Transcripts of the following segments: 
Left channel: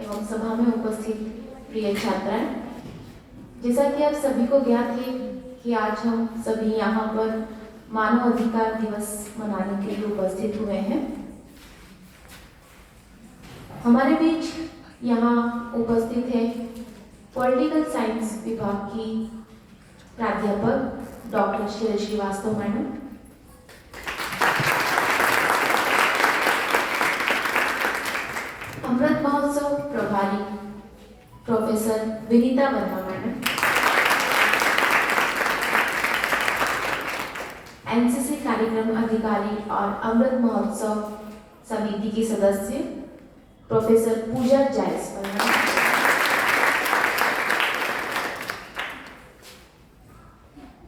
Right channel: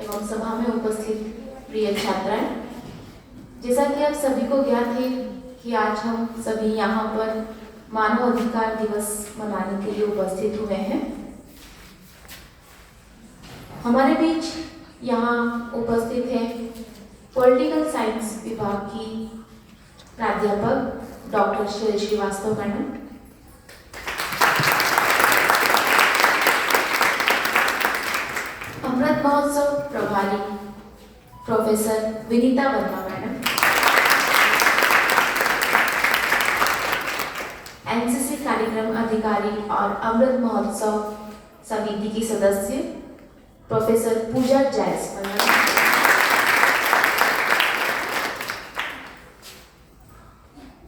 एवं सभा में उपस्थित प्रिय छात्राएं, जैसा कि आप सभी को ज्ञात है कि आज हम सभी यहाँ पर मानव अधिकार दिवस मनाने के लिए उपस्थित हुए हैं। हमारे बीच यहाँ उपस्थित है पॉलिटिकल साइंस विभाग की प्राध्यापक डॉक्टर श्री श्रीवास्तव मैडम, अमृत महोत्सव प्रभारी professor Vinita Verma madam, NCC कार्यक्रम अधिकारी और अमृत महोत्सव समिति की सदस्य प्रोफेसर पूजा जायसवाल।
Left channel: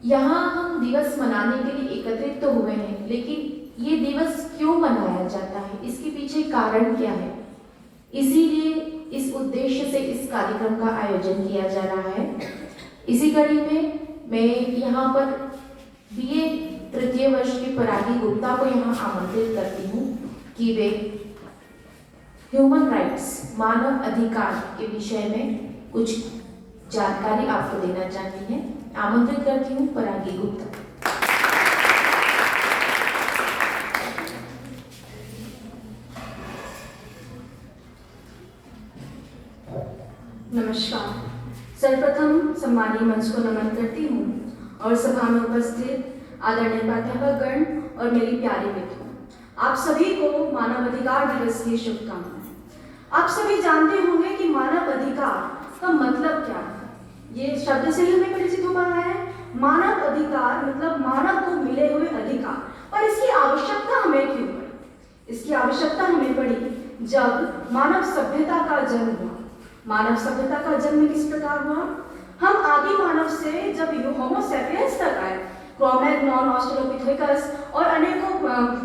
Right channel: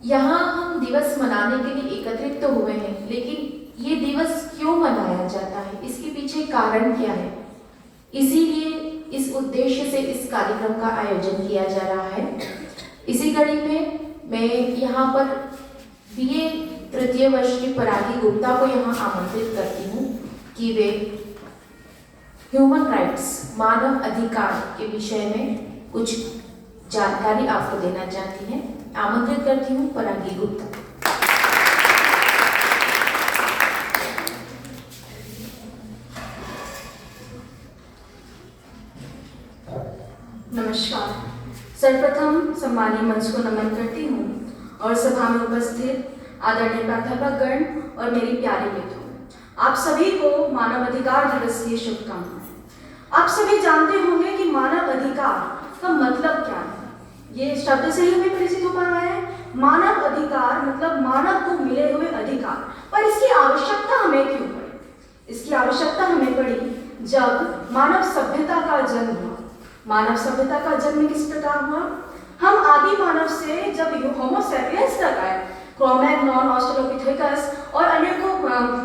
यहाँ हम दिवस मनाने के लिए एकत्रित तो हुए हैं, लेकिन ये दिवस क्यों मनाया जाता है, इसके पीछे कारण क्या है, इसीलिए इस उद्देश्य से इस कार्यक्रम का आयोजन किया जा रहा है। इसी कड़ी में मैं यहाँ पर बीए तृतीय वर्ष की परागी गुप्ता को यहाँ आमंत्रित करती हूँ कि वे ह्यूमन राइट्स मानव अधिकार के विषय में कुछ जानकारी आपको देना चाहती हैं। आमंत्रित करती हूँ परागी गुप्ता। नमस्कार। सर्वप्रथम सम्मानीय मंच को नमन करती हूँ और सभा में उपस्थित आदरणीय प्राध्यापकगण और मेरी प्यारी मित्रों, आप सभी को मानव अधिकार दिवस की शुभकामनाएं। आप सभी जानते होंगे कि मानव अधिकार का मतलब क्या है। ये शब्द से ही हमें परिचित हो पा रहा है। मानव अधिकार मतलब मानव को मिले हुए अधिकार, पर इसकी आवश्यकता हमें क्यों पड़ी? इसकी आवश्यकता हमें पड़ी जब मानव सभ्यता का जन्म हुआ। मानव सभ्यता का जन्म किस प्रकार हुआ? हम आदि मानव से जब होमो सैपियंस तक आए, क्रो-मैग्नन, ऑस्ट्रेलोपिथेकस और अनेकों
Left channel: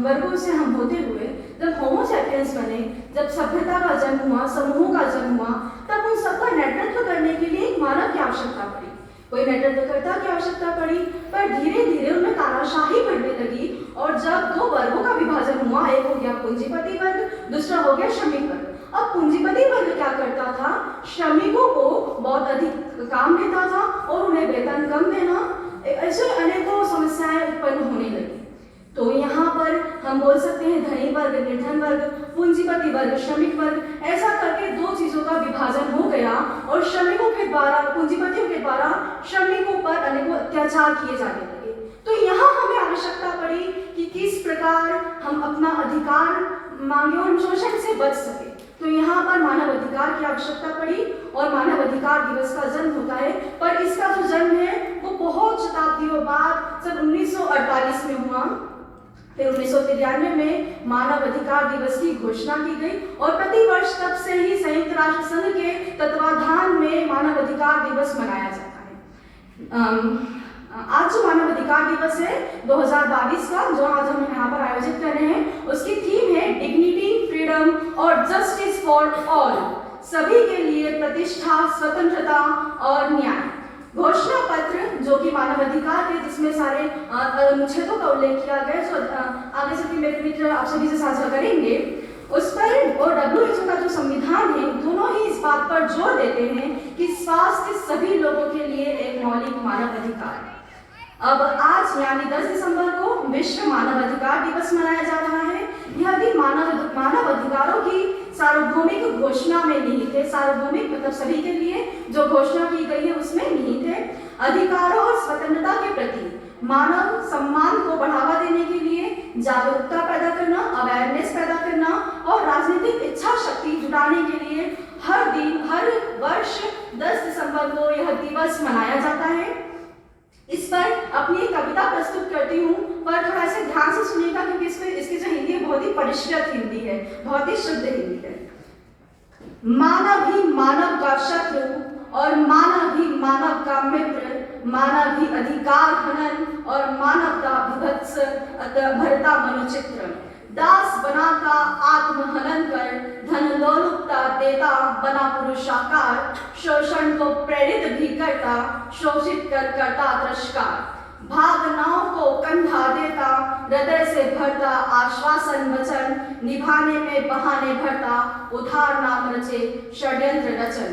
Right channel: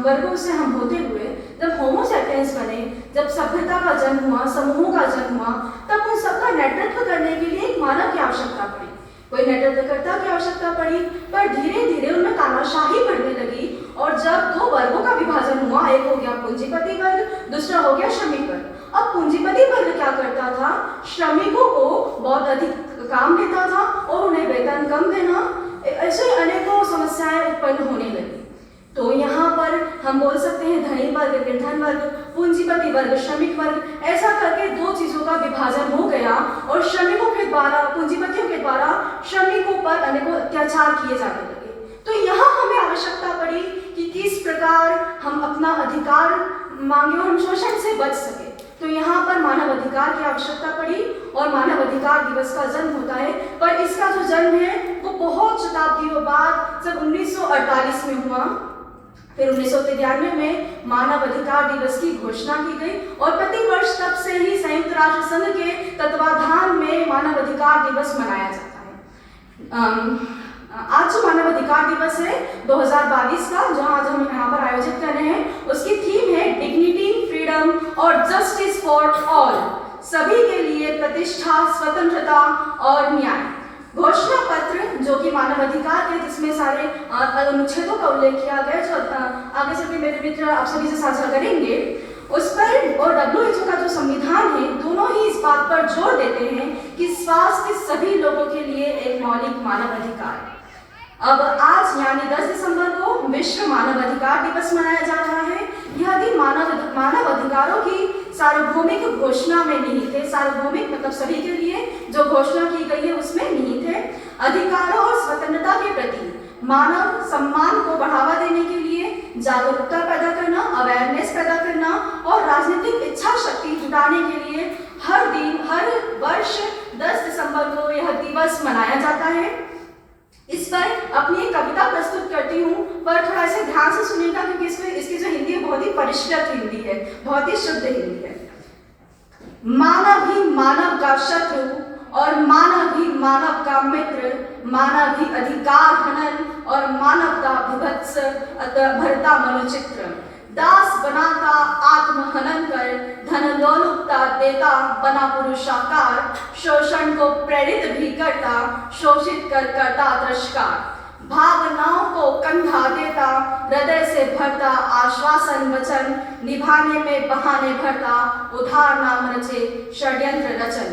वर्गों से हम होते हुए जब होमो सैपियंस बने, जब सभ्यता का जन्म हुआ, समूहों का जन्म हुआ, तब उन सबका नेतृत्व करने के लिए एक मानव की आवश्यकता पड़ी, कोई नेतृत्वकर्ता की आवश्यकता पड़ी। पर धीरे धीरे उनमें तानाशाही बढ़ने लगी और जब दो वर्गों का विभाजन हुआ, एक हो गया पूंजीपति वर्ग, दूसरा हो गया श्रमिक वर्ग। अब पूंजीपति वर्ग क्या करता था? श्रमिकों को बहुत अधिक काम देता था और उन्हें वेतन कम देना, ऐसे अनेकों समस्याएं उत्पन्न होने लगी। तो यहाँ पर हम बोल सकते हैं धनी वर्ग, निर्धन वर्ग, पूंजीपति वर्ग, श्रमिक वर्ग, ऐसा करके दो चीजों का विभाजन हो गया और श्रमिकों के द्वारा, पूंजीपतियों के द्वारा श्रमिकों पर अनेकों अत्याचार किए जाने लगे। तो यहाँ हमें आवश्यकता पड़ी कि किस प्रकार हम अपना अधिकार मांगे और शोषण से बच सके। तो यहाँ पर मानव अधिकार की आवश्यकता पड़ी और मानव अधिकार दिवस का जन्म होता है। पर इसका जो जन्म है वो बहुत शताब्दियों बाद जब 1948 में हुआ, फिर 1993 में मानव अधिकार दिवस की घोषणा की गई और प्रतिवर्ष तब से ही संयुक्त राष्ट्र संघ के तत्वाधान में मानव अधिकार दिवस मनाया जाता है। आज जो मानव अधिकार दिवस है 2022 का, जो आज हम यहाँ पर आयोजित कर रहे हैं, उसकी थीम है डिग्निटी, फ्रीडम और जस्टिस फॉर ऑल, सभी के लिए प्रतिष्ठा, स्वतंत्रता और न्याय। घोषणा पत्र जो कि मानव अधिकार है, जिसमें सारे अनुच्छेदों का उल्लेख किया गया, जो आगे चल के मेरे मित्र आप सभी से साझा करेंगे, उस पर और WHO का जो संविधान है, दोनों ही इस बात पर जोर देते हैं कि स्वास्थ्य सभी लोगों के लिए एक मौलिक मानव अधिकार है। अब आज यानी 10 दिसंबर को विश्व मानव अधिकार दिवस मनाया जा रहा है। यह दिन मानव अधिकारों की सार्वभौमिक घोषणा में निहित है। सार्वभौमिक मतलब सभी के लिए जो घोषणा की गई है उसमें निहित है। अधिकारों और स्वतंत्रता के प्रति मानव सम्मान को बढ़ावा देने के लिए जागरूकता पैदा करना, अवेयरनेस पैदा करना और राजनीतिक इच्छा शक्ति जुटाने के लिए हर वर्ष 10 दिसंबर को यह दिवस मनाया जाता है। इस पर अपनी एक कविता प्रस्तुत करती हूँ, पर थोड़ा इसे ध्यान से सुनिएगा क्योंकि इसकी जो हिंदी है बहुत ही परिष्कृत हिंदी है, बहुत ही शुद्ध हिंदी है। मानव ही मानव का शत्रु और मानव ही मानव का मित्र, मानव ही अधिकार हनन और मानवता विभत्स भरता मनुचित्र। दास बनाता आत्महनन कर, धन दौलता देता बना पुरुषाकार, शोषण को प्रेरित भी करता, शोषित कर करता तिरस्कार। भावनाओं को कंधा देता, हृदय से भरता आश्वासन वचन, निभाने में बहाने भरता, उधार नाम रचे षड्यंत्र रचन।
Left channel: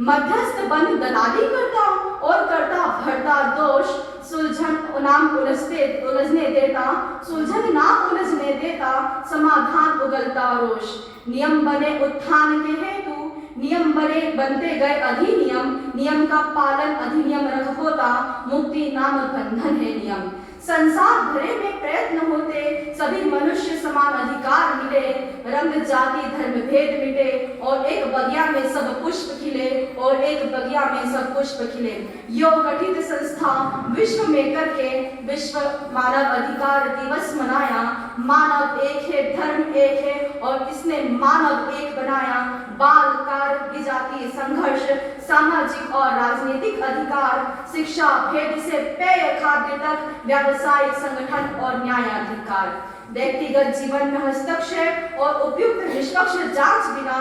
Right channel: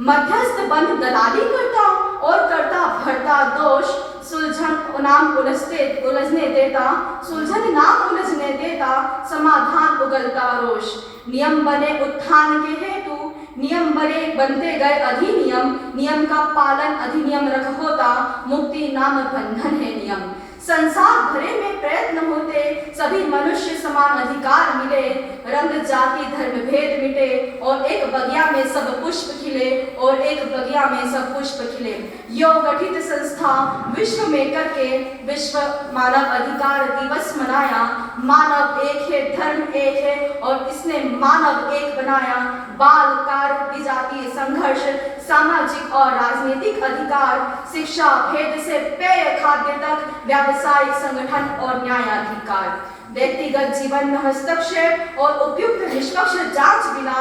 मध्यस्थ बन दलाली करता और करता भरता दोष, सुलझन नाम उलझने देता, सुलझन नाम उलझने देता, समाधान उगलता रोष। नियम बने उत्थान के हेतु, नियम बने बनते गए अधिनियम, नियम का पालन अधिनियम रख होता, मुक्ति नाम बंधन है नियम। संसार भरे में प्रयत्न होते, सभी मनुष्य समान अधिकार मिले, रंग जाति धर्म भेद मिटे, और एक बगिया में सब पुष्प खिले, और एक बगिया में सब पुष्प खिले। यो गठित संस्था विश्व में करके विश्व मानव अधिकार दिवस मनाया। मानव एक है, धर्म एक है, और इसने मानव एक बनाया। बाल कार्य, विजातीय संघर्ष, सामाजिक और राजनीतिक अधिकार, शिक्षा भेद से पेय खाद्य तक, व्यावसायिक संगठन और न्यायाधिकार, व्यक्तिगत जीवन में हस्तक्षेप और उपयुक्त निष्पक्ष जांच बिना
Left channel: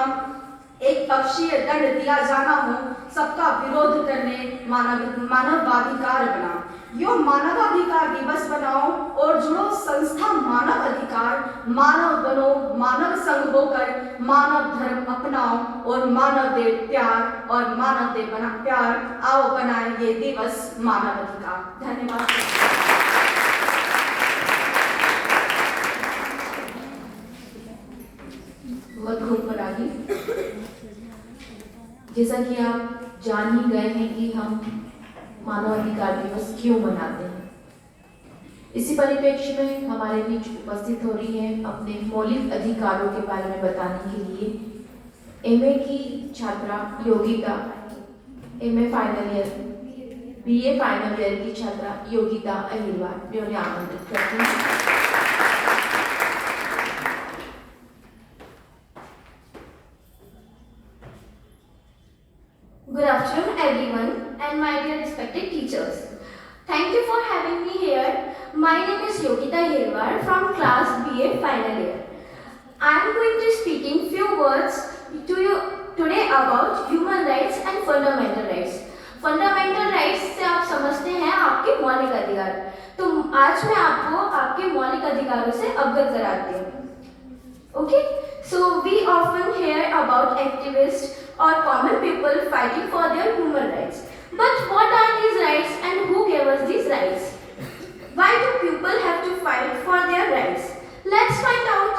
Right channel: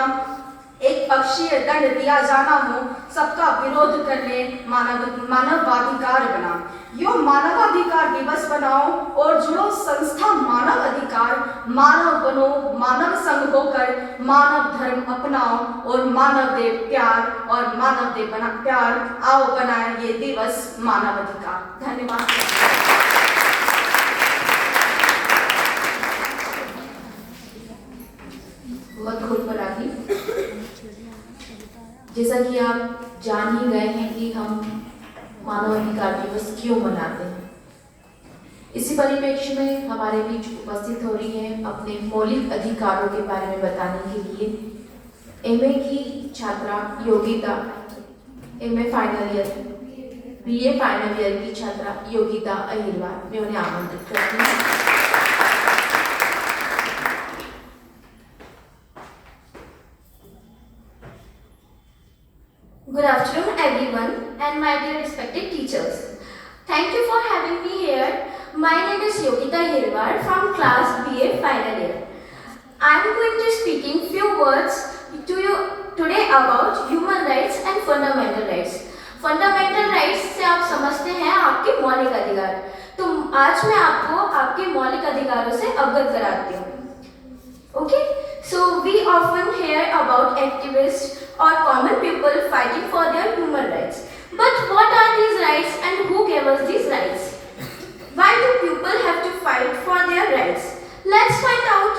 एक पक्षीय दंड दिया जाना हो, सबका विरोध करने मानवाधिकार बना। यो मानवाधिकार दिवस बनाओ और जुड़ो संस्था मानव अधिकार, मानव बनो, मानव संग होकर मानव धर्म अपनाओ, और मानव दे प्यार, और मानव दे बना प्यार, आओ बनाए ये दिवस मानव अधिकार। धन्यवाद। बहुत परागी। जैसा कि आप जान ही गए हैं कि हम मानवाधिकार दिवस क्यों मनाते हैं, इसी परिप्रेक्ष्य में हमारे बीच उपस्थित हो रही है अपने मौलिक अधिकारों के बारे में बताने के लिए एमए की छात्रा Yogita, MA final year, BA final year की छात्रा योगिता अहिरवार। मैं उन्हें आमंत्रित करती हूँ। Good afternoon everyone and my dear respected teachers. Thank you for having me here. My name is Yogita Hirwar from class BA final year. I am going to speaking few words to you today about human rights and fundamental rights. Fundamental rights से आप समझते हैं आपके मौलिक अधिकार, तो आज मैं आपको आपके मौलिक अधिकारों से अवगत कराती हूँ। Okay, so we often hear about activists or common people fighting for their human rights. But what are these rights and who gave us these rights? Why do people have to fight for their rights? Let's find out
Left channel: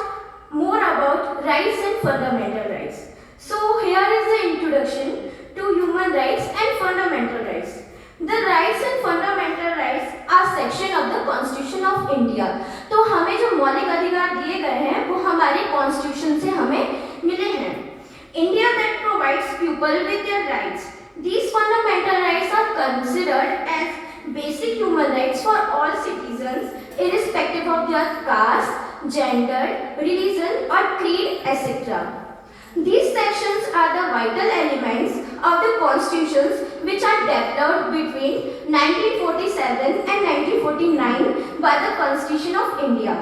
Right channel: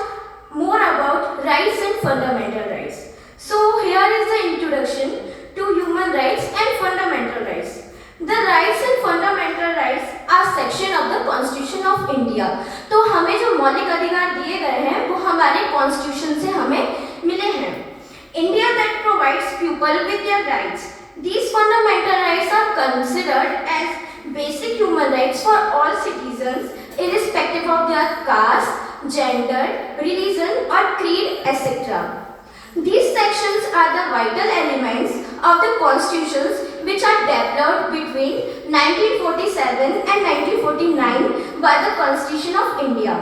more about rights and fundamental rights. So here is the introduction to human rights and fundamental rights. The rights and fundamental rights are section of the Constitution of India. तो हमें जो मौलिक अधिकार दिए गए हैं वो हमारे कॉन्स्टिट्यूशन से हमें मिले हैं। India that provides people with their rights. These fundamental rights are considered as basic human rights for all citizens, irrespective of their caste, gender, religion, or creed, etc. These sections are the vital elements of the constitutions which are developed between 1947 and 1949 by the Constitution of India.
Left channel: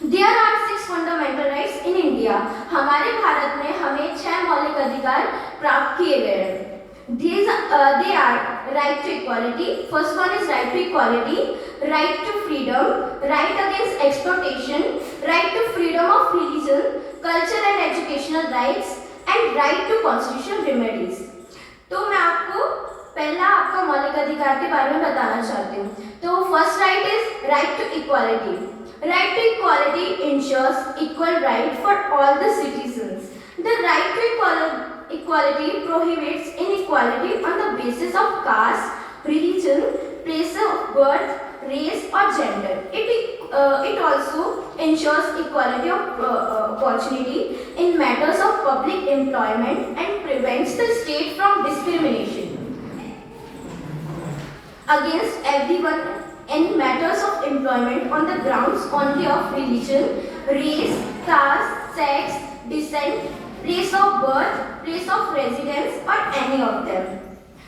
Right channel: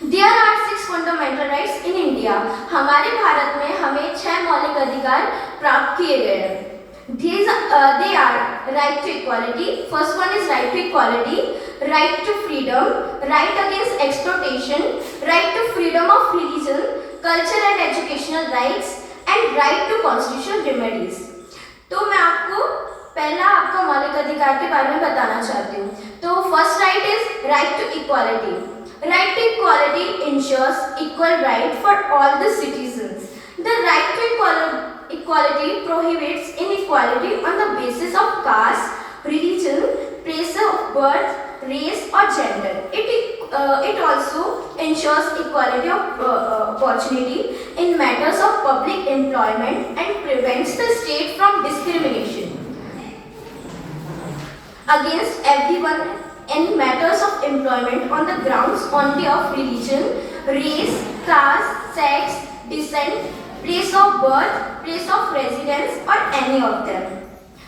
There are 6 fundamental rights in India. हमारे भारत में हमें 6 मौलिक अधिकार प्राप्त किए गए हैं। They are right to equality. First one is right to equality, right to freedom, right against exploitation, right to freedom of religion, culture and educational rights, and right to constitutional remedies. तो मैं आपको पहला आपका मौलिक अधिकार के बारे में बताना चाहती हूँ। तो first right is right to equality. Right to equality ensures equal right for all the citizens. The right to equality prohibits inequality on the basis of caste, religion, place of birth, race or gender. It also ensures equality of opportunity in matters of public employment and prevents the state from discrimination against everyone in matters of employment on the grounds only of religion, race, caste, sex, descent, place of birth, place of residence or any of them.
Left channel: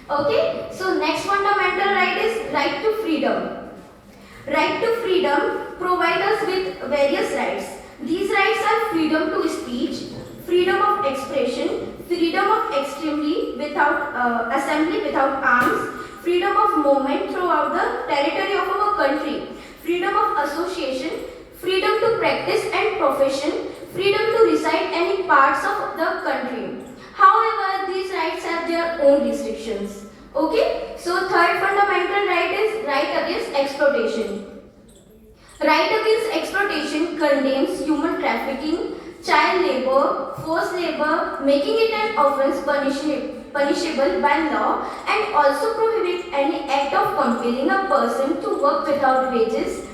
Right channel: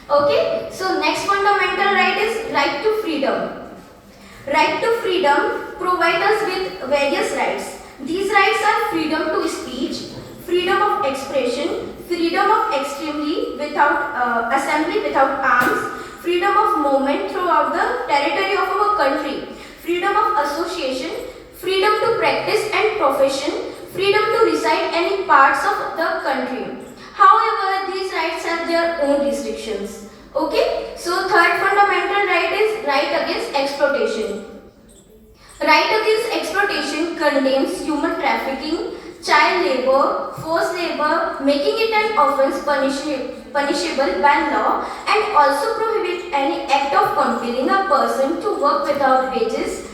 Okay, so next fundamental right is right to freedom. Right to freedom provides us with various rights. These rights are freedom to speech, freedom of expression, freedom of assembly without arms, freedom of movement throughout the territory own restrictions. Okay, so third fundamental right is right against exploitation. Right against exploitation condemns human trafficking, child labor, forced labor, making it an offense punishable by law, and also prohibit any act of compelling a person to work without wages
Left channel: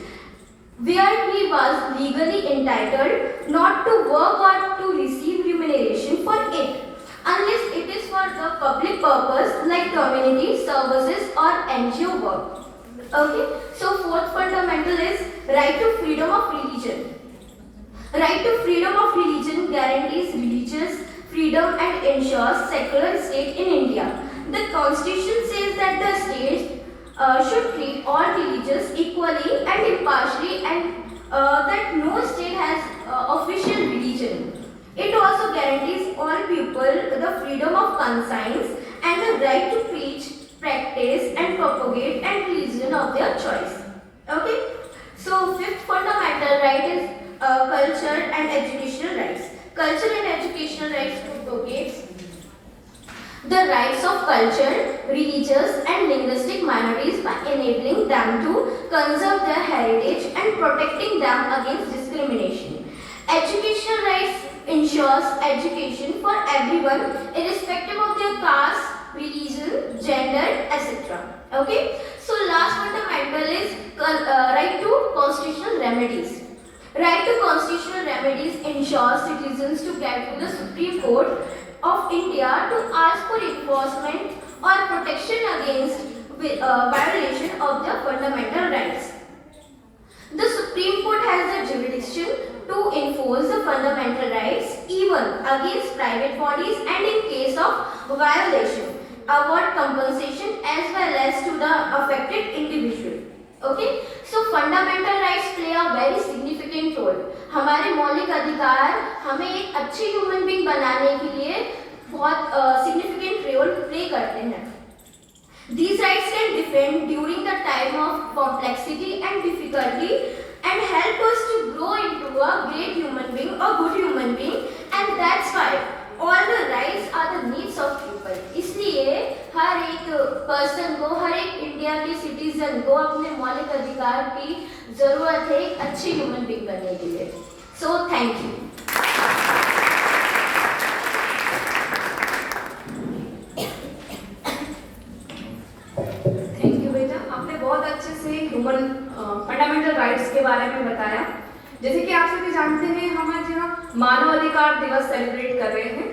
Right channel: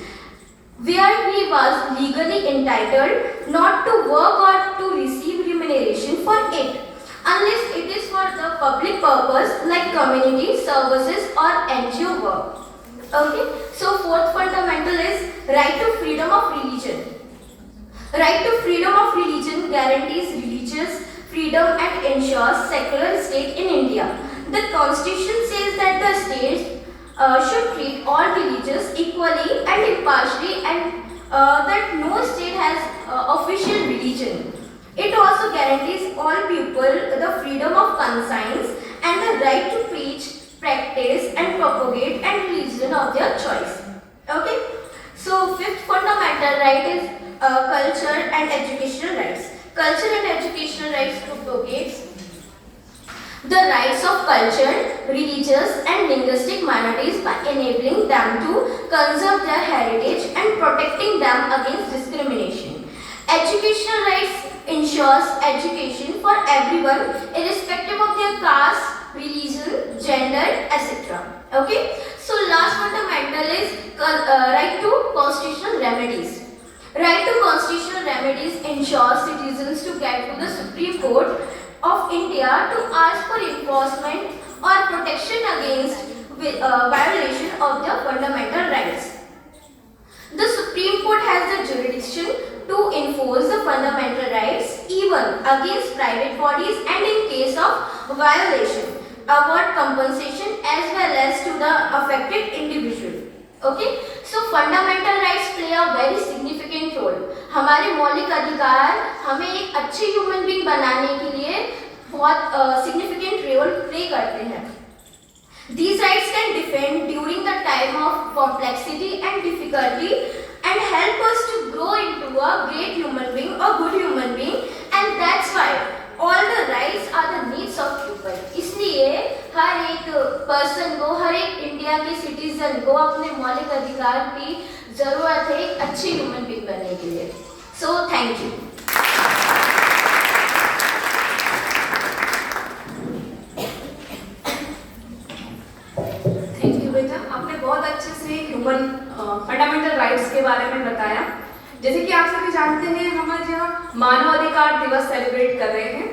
where he was legally entitled not to work or to receive remuneration for it, unless it is for the public purpose like community services or NGO work. Okay, so fourth fundamental is right to freedom of religion. Right to freedom of religion guarantees religious freedom and ensures secular state in India. The constitution says that the state should treat all religions equally and impartially, and that no state has official religion. It also guarantees all people the freedom of conscience and the right to preach, practice and propagate and religion of their choice. Okay? So fifth fundamental right is culture and educational rights. Culture and educational rights propagates the rights of culture, religious and linguistic minorities by enabling them to conserve their heritage and protecting them against discrimination. Educational rights ensures education for everyone irrespective of their caste, religion, gender, etc. Okay? So last fundamental is right to constitutional remedies. Right to constitutional remedies ensures citizens to get to the Supreme Court of India to ask for enforcement or protection against violation of their fundamental rights. The Supreme Court has the jurisdiction to enforce the fundamental rights even against private bodies and in case of violation, award compensation as well as to the affected individual. Okay, so fundamental rights play a very significant role. हमारे मौलिक अधिकार हमें एक अच्छे human being बनाने के लिए बहुत significant role play करते हैं. These rights can defend during the time of complexity and difficulty and help us to grow into a great human being, a good human being, and that's why all the rights are the needs of people. इसलिए हर एक person को, हर एक India के citizen को अपने मौलिक अधिकार की जरूरत है एक अच्छे ह्यूमन बीइंग बनने के लिए. So thank you. Thank you बेटा, आपने बहुत अच्छे से ह्यूमन फंडामेंटल राइट्स के बारे में बताया. जैसे कि आप सभी जानते हैं, हम आज यहाँ मानव अधिकार दिवस सेलिब्रेट कर रहे हैं.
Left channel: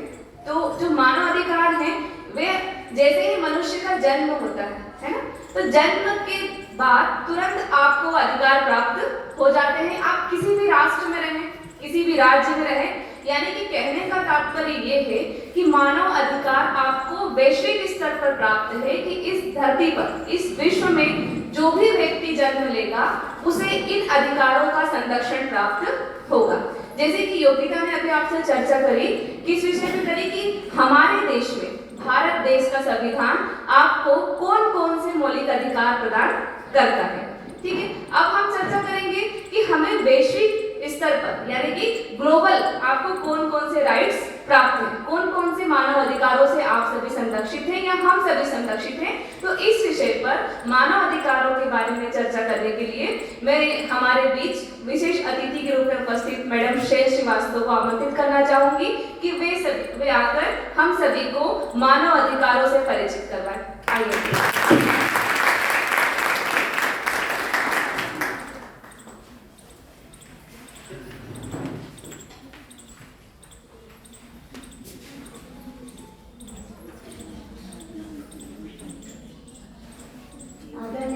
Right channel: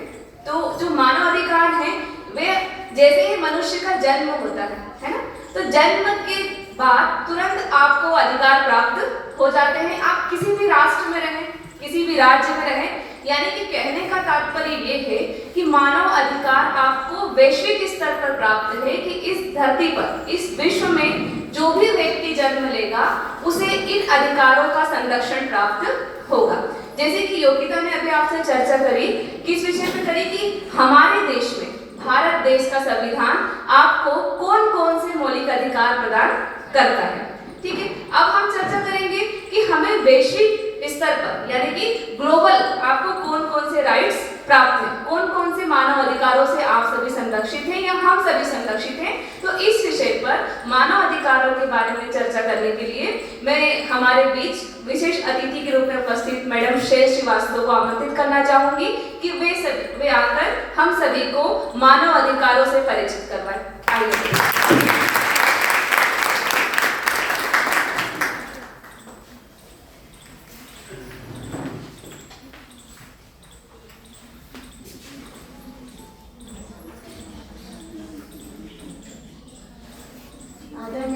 तो जो मानव अधिकार हैं वे जैसे ही मनुष्य का जन्म होता है ना, तो जन्म के बाद तुरंत आपको अधिकार प्राप्त हो जाते हैं. आप किसी भी राष्ट्र में रहें, किसी भी राज्य में रहें, यानी कि कहने का तात्पर्य ये है कि मानव अधिकार आपको वैश्विक स्तर पर प्राप्त है कि इस धरती पर, इस विश्व में जो भी व्यक्ति जन्म लेगा उसे इन अधिकारों का संरक्षण प्राप्त होगा. जैसे कि योगिता ने अभी आपसे चर्चा करी, किस विषय पे करी कि हमारे देश में, भारत देश का संविधान आपको कौन कौन से मौलिक अधिकार प्रदान करता है. ठीक है, अब हम चर्चा करेंगे कि हमें वैश्विक स्तर पर यानी कि ग्लोबल आपको कौन कौन से राइट्स प्राप्त हैं, कौन कौन से मानव अधिकारों से आप सभी संरक्षित हैं या हम सभी संरक्षित हैं. तो इस विषय पर मानव अधिकारों के बारे में चर्चा करने के लिए मैं हमारे बीच विशेष अतिथि के रूप में उपस्थित मैडम श्रेय श्रीवास्तव को आमंत्रित करना चाहूंगी कि वे आकर हम सभी को मानव अधिकारों से परिचित करवाएं. आइए.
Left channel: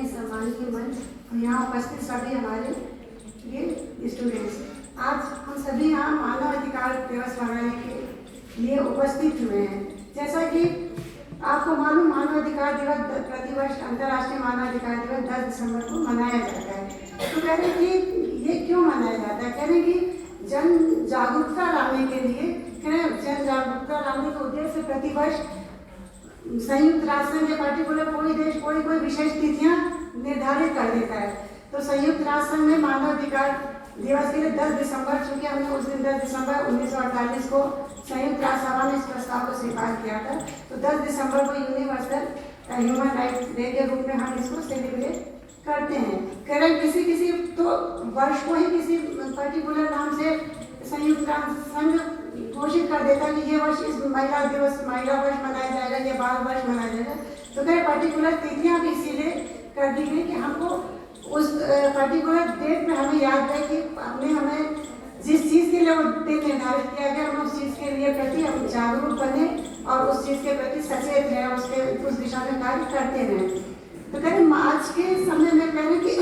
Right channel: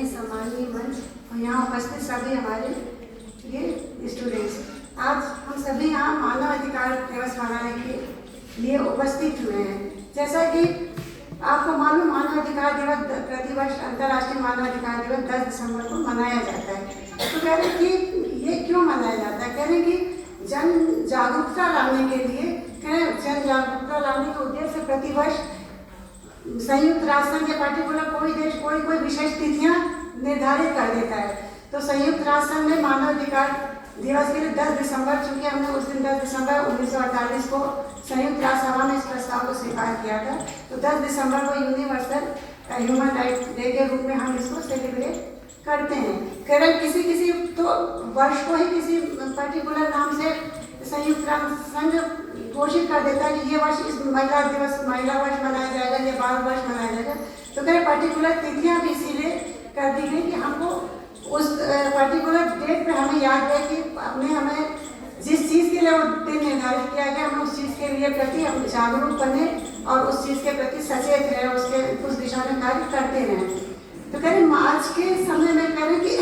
सम्मानीय मंच और यहाँ उपस्थित सभी हमारे ये स्टूडेंट्स, आज हम सभी यहाँ मानव अधिकार दिवस मनाने के लिए उपस्थित हुए हैं. जैसा कि आपको मालूम, मानव अधिकार दिवस प्रतिवर्ष अंतर्राष्ट्रीय मानव अधिकार दिवस 10 दिसंबर को मनाया जाता है. तो कह रहे कि ये क्यों मनाया जाता है, कह रहे कि जन जागरूकता लाने के लिए, जन जागरूकता लाने के उद्देश्य से प्रतिवर्ष संयुक्त राष्ट्र संघ या पर्टिकुलर कोई देश कोई विशेष तिथियां निर्धारित कर देता है. तो संयुक्त राष्ट्र संघ ने मानव अधिकार दिवस के लिए 10 दिसंबर, चूंकि हमने उस दिन 10 दिसंबर 1948 को संयुक्त राष्ट्र सभा में इस प्रस्ताव को स्वीकार किया था, तो 10 दिसंबर को ह्यूमन राइट डे के रूप में हम इसको सेलिब्रेट करते हैं। केवल किसी किसी तो वर्ष को ही किसी पर्टिकुलर नाम से संयुक्त राष्ट्र संघ घोषित कर देता है कि ये वर्ष इस महिला वर्ष मनाया जाएगा, ये बाल वर्ष मनाया जाएगा। तो मेरे पर्टिकुलर तिथियां भी इसीलिए कर दी गई कि हमको उस पर्टिकुलर डेट पे हमें याद रहे कि हमें जिस चीज़ के लिए वो दिन निर्धारित किया गया हम उस चीज़ के लिए प्रति हम जागरूक बने और उस चीज़ के प्रति सचेत रहे, उसके उस दिशा में कार्य करते रहें। तो कह रहे आज के समय में कह रहे कि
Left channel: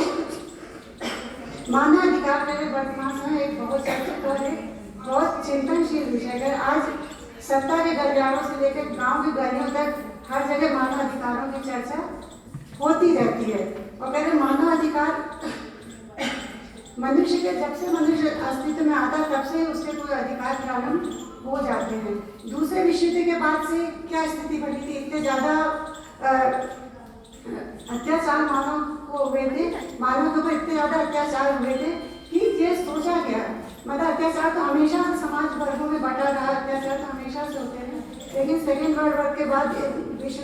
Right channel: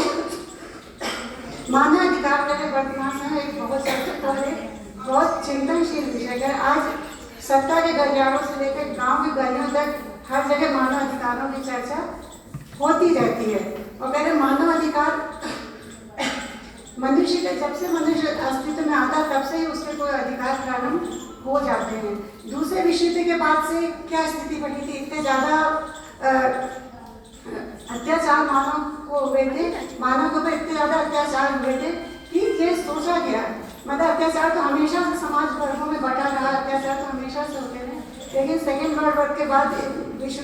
मानव अधिकार का वर्तमान समय एक बहुत चर्चित और एक बहुत चिंतनशील विषय है। आज सत्ता के गलियारों से लेकर गांव की गलियों तक हर जगह मानव अधिकारों की चर्चा होती रहती है। और कह रहे मानव अधिकार मनुष्य के जब से मनुष्य अस्तित्व में आता तब से ही उसके कोई अधिकार प्रारंभ हो जाते हैं। दूसरे विश्व युद्ध के बाद से क्या स्थिति बनी थी, इतने ज़्यादा अत्याचार मानव को हुए थे, मानव के ऊपर इतने ज़्यादा अत्याचार हुए थे कि ये सोचा गया, मतलब अत्याचार तो हमेशा से समाज वर्गों में बटा रहा, अत्याचार तो हमेशा से होते रहे। लेकिन सेकेंड वर्ल्ड वॉर के बाद विश्व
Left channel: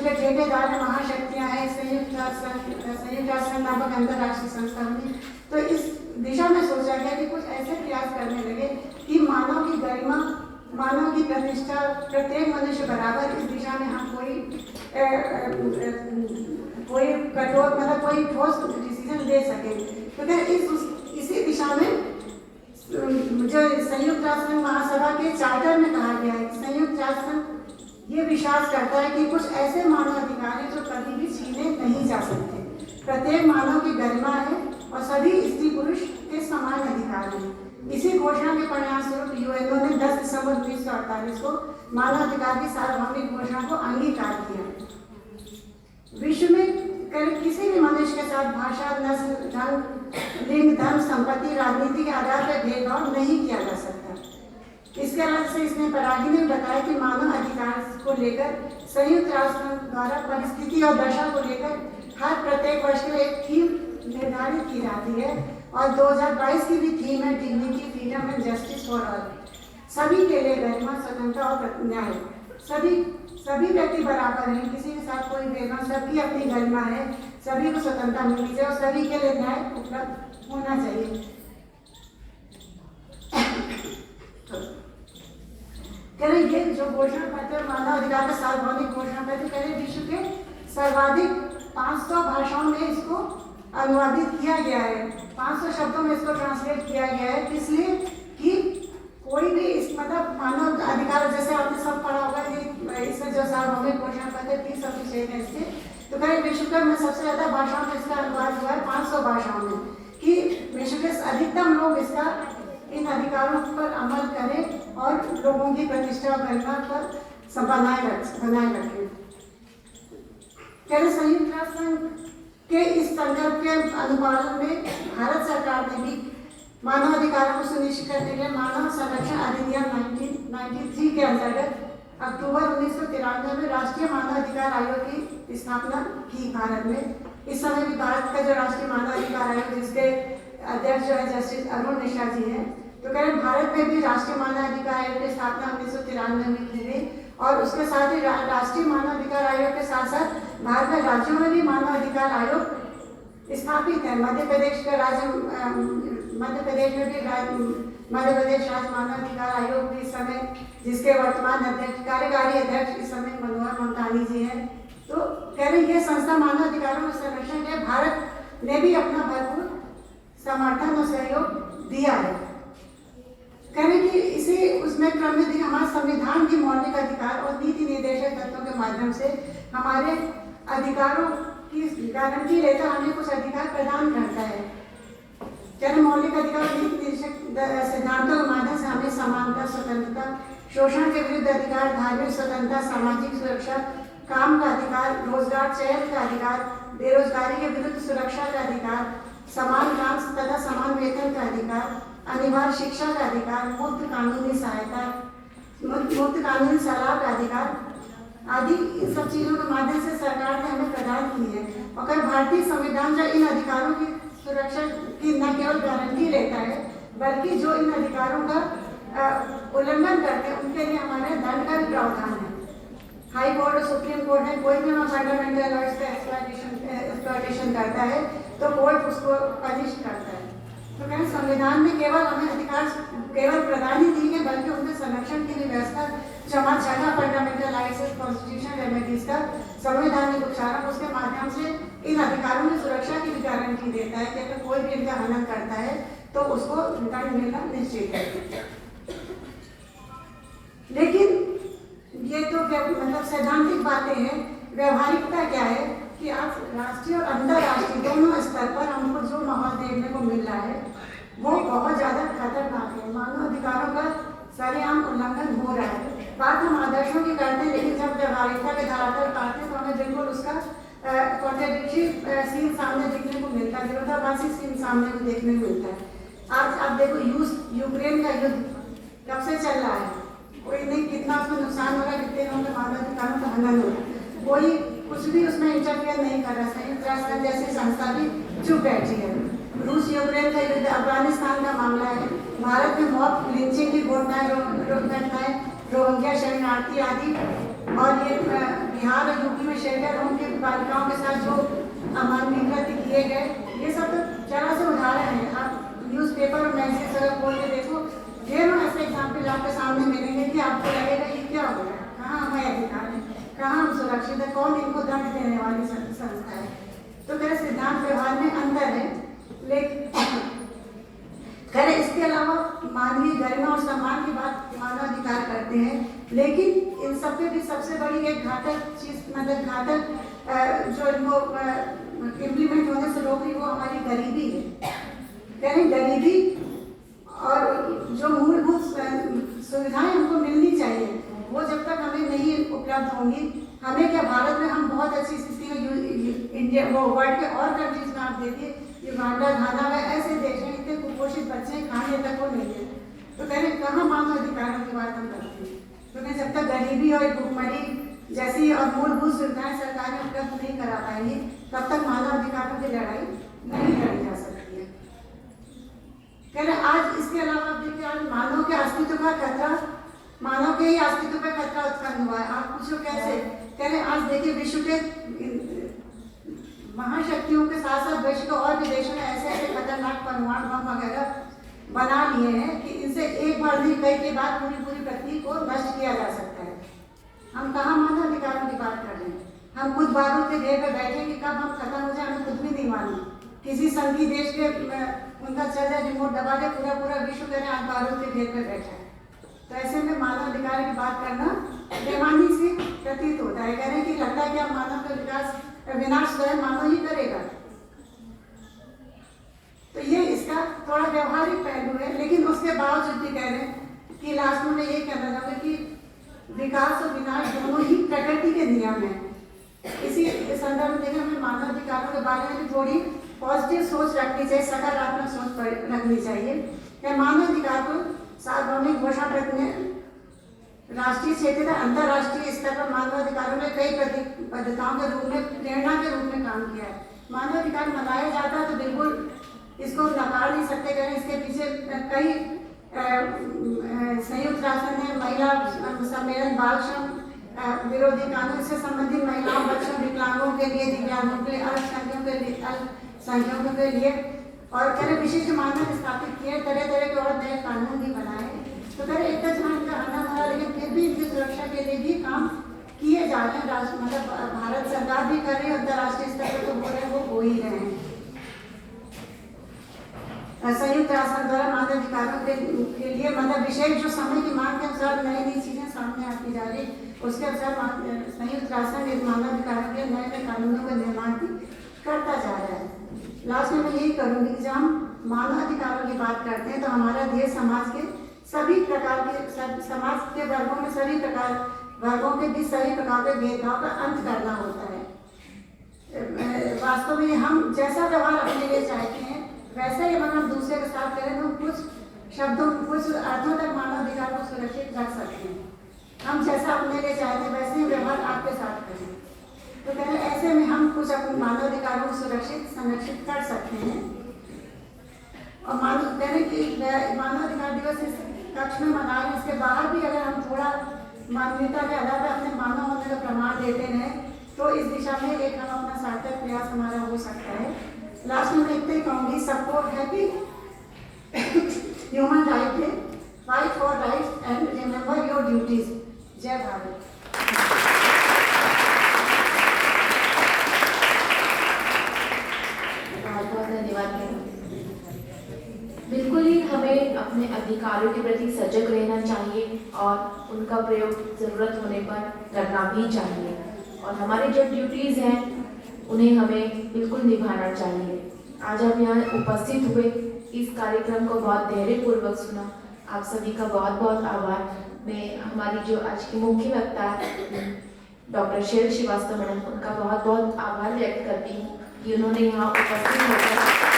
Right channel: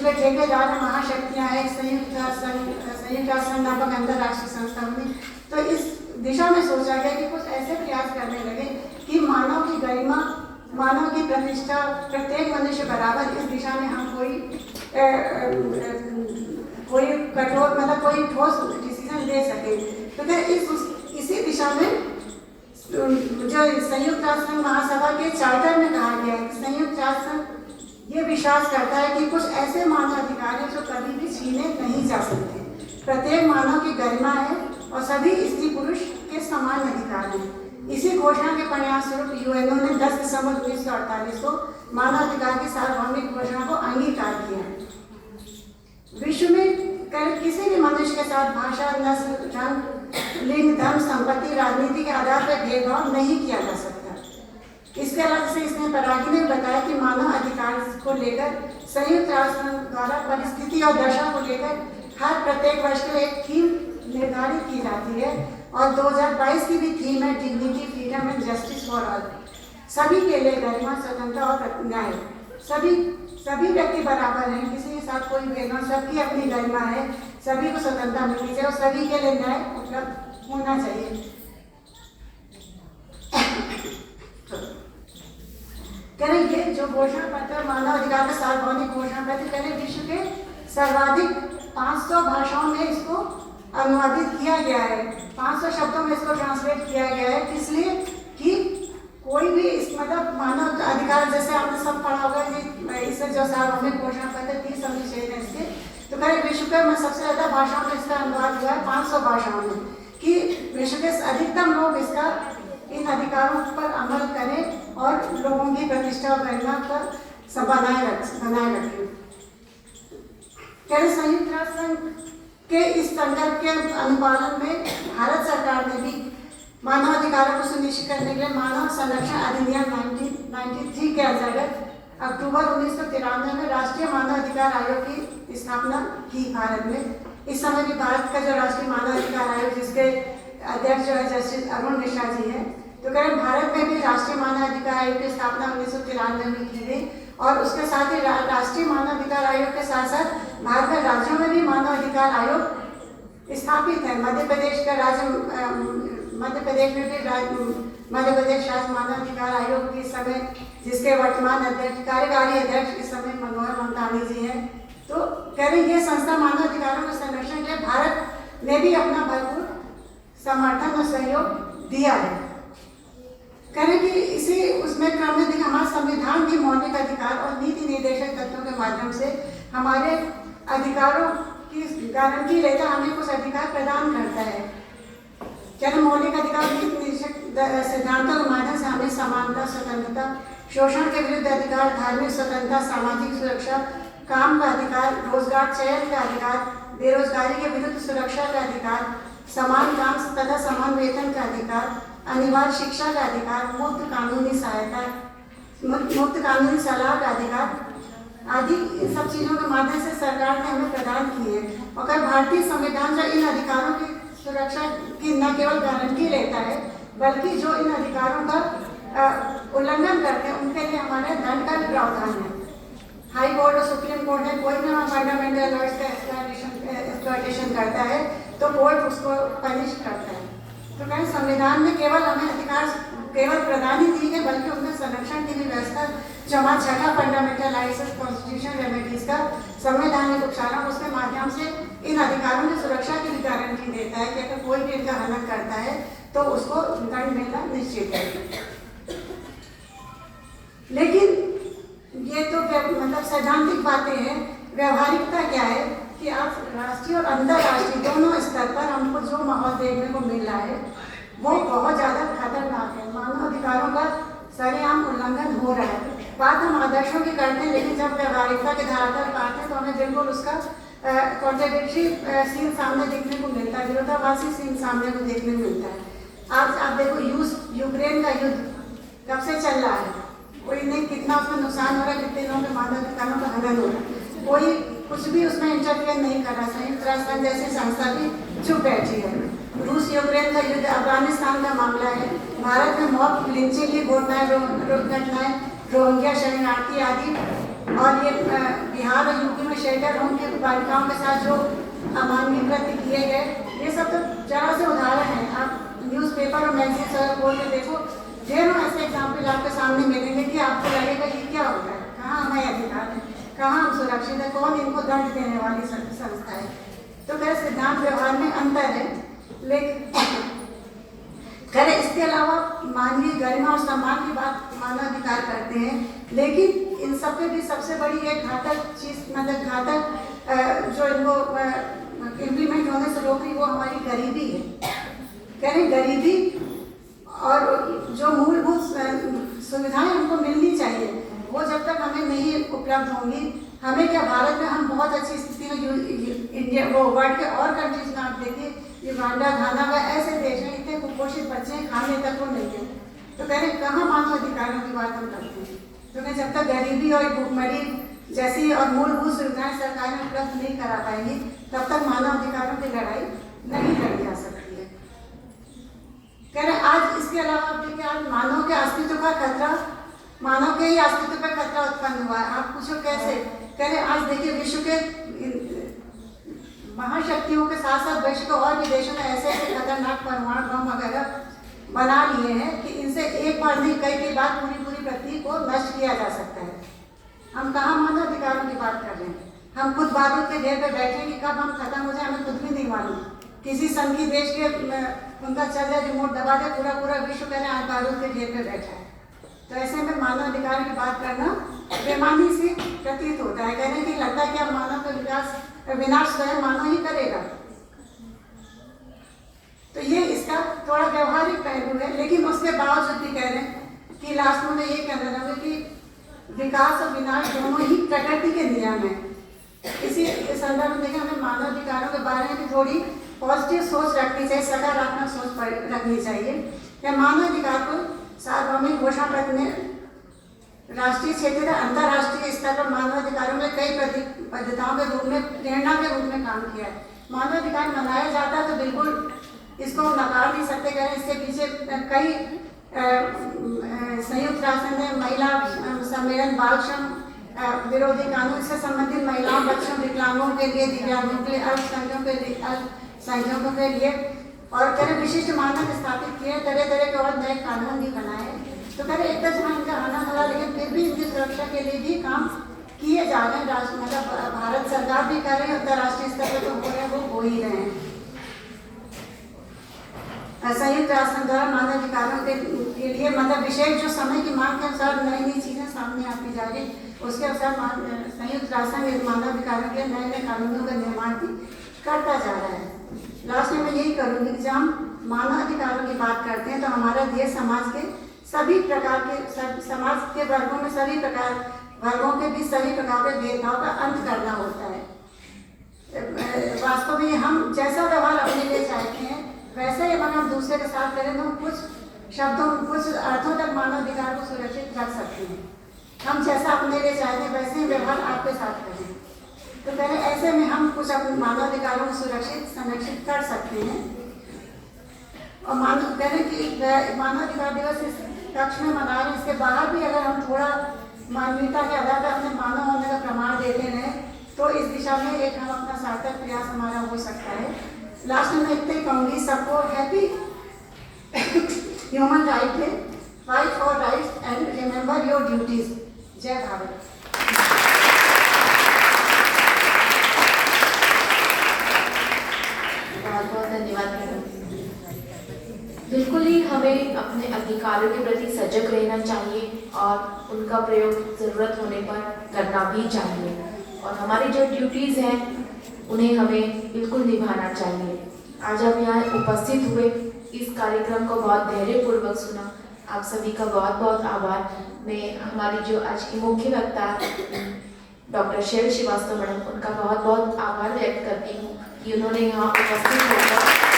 के ठेकेदार महाशक्तियाँ हैं, संयुक्त राष्ट्र नामक अंतर्राष्ट्रीय संस्था बनी। तो इस दिशा में सोचा गया कि कुछ ऐसे प्रयास करने लगे कि मानव की गरिमा, मानव की प्रतिष्ठा, प्रत्येक मनुष्य बराबर, इस दिशा में हम कोई कठोर मतलब कोई ठोस डिसीजन ले सके। तो फिर इसी दिशा में जो संयुक्त राष्ट्र महासभा के चार्टर में कहा गया है, संयुक्त राष्ट्र ये विश्वास करता है कि कुछ ऐसे मानव अधिकार हैं जो कभी भी छीने नहीं जा सकते। प्रत्येक मानव की गरिमा है और सभी स्त्री पुरुष के समान अधिकार हैं। इसी घोषणा के परिणाम स्वरूप यूएनओ ने 10 दिसंबर 1948 को मानवाधिकार की सार्वभौमिक घोषणा को अंगीकार किया। विश्व में किसी भी मनुष्य के साथ भाषा, नस्ल, रंग, लिंग, धर्म, संपत्ति, राजनीति के आधार पर भेदभाव नहीं किया जा सकता। इसके अलावा से इसमें परागी ने बताया कि मानव अधिकार को लेकर संयुक्त राष्ट्र द्वारा परिस्थिति और दशा को लेकर हर प्रत्येक वर्ष को एक थीम निर्धारित की जाती है और 2022 की भी थीम है dignity, freedom and justice for all. सभी के लिए गरिमा, स्वतंत्रता और न्याय। सभी व्यक्ति बराबर हैं, किसी के साथ कोई भेदभाव, सबकी अपनी गरिमा है, सभी को स्वतंत्रता मिलनी चाहिए और सभी के लिए न्याय उपलब्ध होना चाहिए। ये जो घोषणा पत्र मानव अधिकार का सार्वभौमिक घोषणा पत्र विश्व के सर्वाधिक 500 भाषाओं में इसको अनुवादित किया गया है। 500 शब्दों में इसको ट्रांसलेट किया गया है, इसलिए कि कोई भी इस मतलब मानव अधिकार, जैसे आपने सब पढ़ा होगा कि इससे जो सार्वभौमिक घोषणा पत्र 30 अनुच्छेद है इसके, तो कहीं विश्व के में सबसे ज़्यादा भाषाओं में इसका अनुवाद हुआ है 500 भाषाओं में, कि विश्व के अधिकतम लोग इसका इन अधिकारों पर अमल करें और लोगों की प्रतिष्ठा और गरिमा पर बनाए रखें। संयुक्त राष्ट्र के इस संकल्प के अनुपालन में भारत सरकार ने भी मानवाधिकारों को सुनिश्चित करने के लिए मानव संरक्षण अधिनियम 1993 के अंतर्गत अक्टूबर 1993 में राष्ट्रीय मानवाधिकार आयोग की स्थापना की भारत में। इस समय भी भारत का जो राष्ट्रीय मानवाधिकार आयोग, जिसके अध्यक्ष जो है जस्टिस अरुण मिश्रा जी है, तो कह भारत में भी राष्ट्रीय मानवाधिकार आयोग की स्थापना 1993 में की गई और उसके साथ ही राष्ट्रीय मानवाधिकार आयोग के साथ साथ भारत के राज्यों में भी मानवाधिकार आयोग स्थापित है। मध्य प्रदेश का राज्य मध्य प्रदेश में भी मध्य प्रदेश राज्य मानवाधिकार आयोग के समय, जिसके वर्तमान अध्यक्ष कार्यकारी अध्यक्ष इस समय मनोहर ममतानी जी हैं। तो कह रहे ये संस्था मानवाधिकारों के संरक्षण के लिए भारत ने भी अपना भरपूर समर्थन और सहयोग दिया है। कह रहे कि इसी उसमें क्रम में हमारा संविधान भी मौलिक अधिकार और नीति निर्देशक तत्वों के माध्यम से हमारे अधिकारों की गारंटी लेकर हमें कुछ अधिकार प्रदान करता है। जन मौलिक अधिकार नीति निर्देशक सिद्धांतों के माध्यम से हमें समानता, स्वतंत्रता, शोषण के विरुद्ध अधिकार, धार्मिक स्वतंत्रता, सामाजिक सुरक्षा, काम का अधिकार, रोजगार चयन का अधिकार, बेरोजगारी के विरुद्ध सुरक्षा का अधिकार, समान काम तथा समान वेतन का अधिकार, अनिवार्य शिक्षा का अधिकार, मुफ्त कानूनी सहायता, मुफ्त कानूनी सलाह का अधिकार आदि इन सब चीज़ों के माध्यम से सरकार ने हमें प्रदान की है। और भारतीय संविधान जो इन अधिकारों की सुरक्षा की न केवल गारंटी लेता है, बल्कि जो इन अधिकारों का उल्लंघन करते हैं उनके लिए हमारे दंड का भी प्रावधान है। हाई कोर्ट और सुप्रीम कोर्ट है, कोई भी हम फंडामेंटल राइट्स का एक्सप्लॉयटेशन करता है तो कोर्ट उसको पनिश करता है। तो कहीं संविधान में केवल हमें अधिकार केवल प्रदान ही नहीं है, बल्कि उनके संरक्षण की भी व्यवस्था, जो हमारा छठा फंडामेंटल राइट्स कॉन्स्टिट्यूशनल रेमेडीज का संवैधानिक उपचारण, उसके माध्यम से इन अधिकारों की सुरक्षा की भी गारंटी देता है कि अगर कोई भी इनका हनन करता है तो उसको दंड मिलना निश्चित है। लेकिन ये तो मतलब सैद्धांतिक बातें हैं, व्यवहारिकता क्या है कि आप राष्ट्रीय और अंतर्राष्ट्रीय दोनों स्तर पर हमको जो माहौल देखने को मिल रहा है वो बहुत ज़्यादा खतरनाक है। मानव अधिकारों का सरेआम उल्लंघन हो रहा है। बात हम आदर्शों की करते हैं, लेकिन जब व्यवहारिकता के धारा पर पाते हैं तो हमें बिल्कुल उसका कॉन्ट्रडिक्टरी सीन सामने देखने को मिलता है, विरोधाभासी सीन सामने को देखने को मिलता है। आज आप देखो यूक्रेन का युद्ध कब से चल रहा है, कोई नहीं कितना उसमें नुकसान हो रहा है, कितने लोगों के मानव अधिकारों का हनन हो रहा है, कोई कुछ भी उसमें इंटरफेयर नहीं कर रहा। संयुक्त राष्ट्र जैसी संस्था भी चुप बैठी है। रूस यूक्रेन का युद्ध, अफगानिस्तान का मामला है, भारत में मॉब लिंचिंग की घटनाएं, रोहिंग्या शरणार्थी आदि, और ये बिहार और यूपी में शेल्टर होम के बालिकाओं के साथ जो अमानवीय कृत्य किए गए, ये सब तो जरा से उदाहरण है। आप न्यूज़पेपर और मैगजीन से खोल के देखो, ढेरों ऐसे एग्जाम्पल आपके सामने मिलेंगे कि आपको लगेगा कि क्या हो रहा है, कहाँ हमें अधिकार है, कहाँ हम सुरक्षित है, कौन इनको दंड देने वाली संस्था है। तो खैर सिद्धांत व्यवहार में अंतर है, लेकिन खैर इसके अलावा मानवीय गरिमा और सम्मान की बात मानव अधिकार करते हैं, लेकिन इन सब पे भी सबसे बड़ी एक घातक चीज, मतलब घातक जो इनको इम्प्लीमेंट होने से रोक रही वो हमारी गरीबी है। कह रहे गरीबी और जो मूलभूत सुविधाएं उनको मिलनी चाहिए, वो जब तक हमें नहीं उपलब्ध होंगी, हमें क्या भारत में हम बहुत अच्छी स्थिति में इंडिया वो वर्ल्ड के और कंट्रीज में आप देखिए, युगांडा, घाना व ऐसे देश में इतने कुपोषित बच्चे खाने तक को नहीं है। तो कह रहे कहाँ मानव अधिकारों की बात हम करते हैं। तो मैं जब तक गरीबी और भुखमरी जैसी और मूलभूत सुविधाएं सरकार में उपलब्ध नहीं करा पाएंगी, तब तक मानव अधिकारों की लड़ाई नहीं लड़ी जा सकती है। कह रहे आज इसके अलावा देखिए, आज मानव के अस्तित्व का खतरा, मानव के ही अस्तित्व का खतरा उत्पन्न हुआ है। आप पूछो कैसे? कह रहे आज देखिए विश्व के महाशक्तियों के साथ साथ विश्व के और भी देशों ने ऐसे ऐसे खतरनाक परमाणु बम वगैरह बना लिए हैं कि इनसे एक बार नहीं कई बार पूरी पृथ्वी को नष्ट किया जा सकता है। हम कहाँ मानव अधिकारों की बात कर रहे हैं? हम खुद बारूद के ढेर पे बैठे कि कब हम खत्म हो जाए हमें खुद भी नहीं मालूम। किसी संघी देश के उनका चल जाए रिमोट दबा के पूरा विश्व कह रहे हैं बारूद के ढेर पे बैठा है। तो ऐसे में मानव अधिकार की बात करना बेमानी से प्रतीत होता है। कहने की लगता है कि अब मानव का विनाश स्वयं मानव ही करेगा। तो ये इसका थोड़ा व्यवहारिक पहलू है, लेकिन उसके बावजूद भी कह रहे हैं कि लास्ट में ये कहना चाहूँगा कि विकास और विनाश दोनों ही प्रकृति के नियम हैं। इसी संदर्भ में देखिए हमें मानव अधिकारों के बारे में भी थोड़ी पॉजिटिव सोच रखनी चाहिए, सकारात्मक सोच रखनी चाहिए। क्या मानव अधिकार को सार्वभौमिक घोषणा पत्र में राष्ट्रीय, क्षेत्रीय, अंतर्राष्ट्रीय स्तर पर मानव अधिकारों में कई प्रतिबद्धताओं के रूप में, प्रेरणा के रूप में काम किया है। मानव अधिकार मनाया जाता है तो बिल्कुल इसको नकार नहीं सकते। कह रहे इसके पीछे कई संयुक्त राष्ट्र ने महिला सम्मेलन, बाल श्रम विरोधी कानून से संबंधित महिलाओं, बच्चों, विकलांगों के लिए, दिव्यांगों के लिए, अल्पसंख्यकों के लिए और कह रहे विशिष्ट मानक स्थापित किए, तरह तरह के और नए कानून भी बनाए। तो कह रहे एक तरह से इनका आना था, लेकिन फिर भी इनकी सुरक्षा के लिए भी काम किए जा रहे हैं। राष्ट्र मतलब भारत सरकार भी कर रही है, अंतर्राष्ट्रीय स्तर पर तो हो रहे वो हो ही रहे हैं। संयुक्त राष्ट्र द्वारा मानव अधिकारों के लिए मतलब विशेष जो समय की मांग के अनुसार नई चीजें सामने आती जा रही, उसके अनुसार संयुक्त राष्ट्र में मानव अधिकारों के नए कानूनों का निर्माण भी करता जा रहा है। लास्ट में मैं यही करूँगी कि जब हम मानव अधिकारों की बात करते हैं तो हमारा देश समाज के सभी प्रकार के समाज के वर्गों में सभी प्रकार वर्गों के बीच सभी प्रकार के भेदभाव का अंत करना होता है। वास्तव में हम जैसा व्यवहार अपने लिए चाहते हैं वैसे ही अगर हम दूसरे के साथ करें तो कुछ शब्दों, कुछ अर्थों तक मानव अधिकार को सुरक्षित रख सकते हैं। हम जैसा अपने लिए चाहते हैं वैसे ही व्यवहार आपके साथ करें। तो पहले ऐसे में हम कुछ अपने मानव अधिकारों को सुरक्षित संरक्षित कर सकते हैं। और मानव कहने की मानव अधिकार दिवस इस कक्ष में मना रहे, इसके बाहर भी अगर हम थोड़ा मानवीयता के आधार पर अपने मानव होने का देते हैं तो इस दिशा में एक हम अपना सार्थक प्रयास हमारा हो सकता है। लास्ट में इतना ही कहूँगी, सबको happy human right day, fight for rights and remember your duties. जय भारत। बहुत बहुत धन्यवाद मैडम। बिल्कुल ही हमें अपने अधिकारों के प्रति सजग रहना चाहिए और उनका प्रयोग जरूरत होने पर करना भी चाहिए, और हमारी जो ड्यूटीज हैं उन्हें हमें बिल्कुल निभाना चाहिए। आज हम यहाँ उपस्थित हुए, इस कार्यक्रम को बहुत धैर्यपूर्वक सुना, आप सभी का बहुत बहुत आभार। मैं हमारी जो आज की मुख्य वक्ता डॉक्टर शेर श्रीवास्तव मैडम, उनका बहुत बहुत आभार व्यक्त करती हूँ कि उन्होंने यहाँ उपस्थित होकर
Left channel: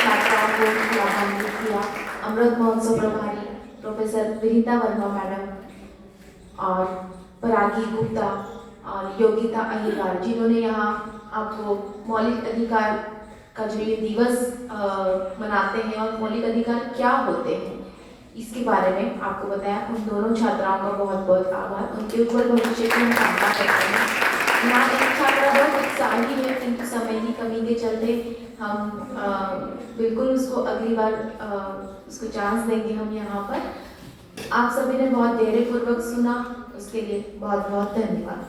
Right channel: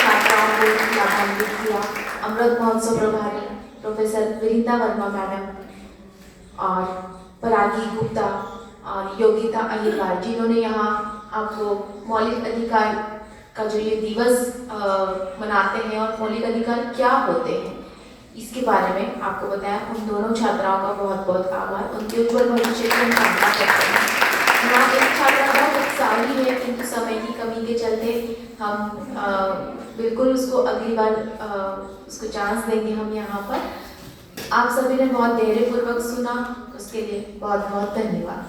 छात्राओं को लाभान्वित किया। अमृत महोत्सव प्रभारी प्रोफेसर विनीता वर्मा मैडम और परागी गुप्ता और योगिता अहिरवार, जिन्होंने यहाँ आपको मौलिक अधिकार का जो ये दिवस मनाते हैं और मौलिक अधिकार क्या होते हैं इसके बारे में आपको बताया। उन दोनों छात्राओं का बहुत बहुत आभार। उनके उज्जवल भविष्य की हम कामना करते हैं। हमारा एक छात्रा बहुत उत्साही है, किंतु समय की कमी के चलते हम बिल्कुल उसको अगली बार उसको चांस देंगे हम यहाँ पर। आप सभी ने बहुत धैर्यपूर्वक सुना, उसके लिए बहुत बहुत धन्यवाद।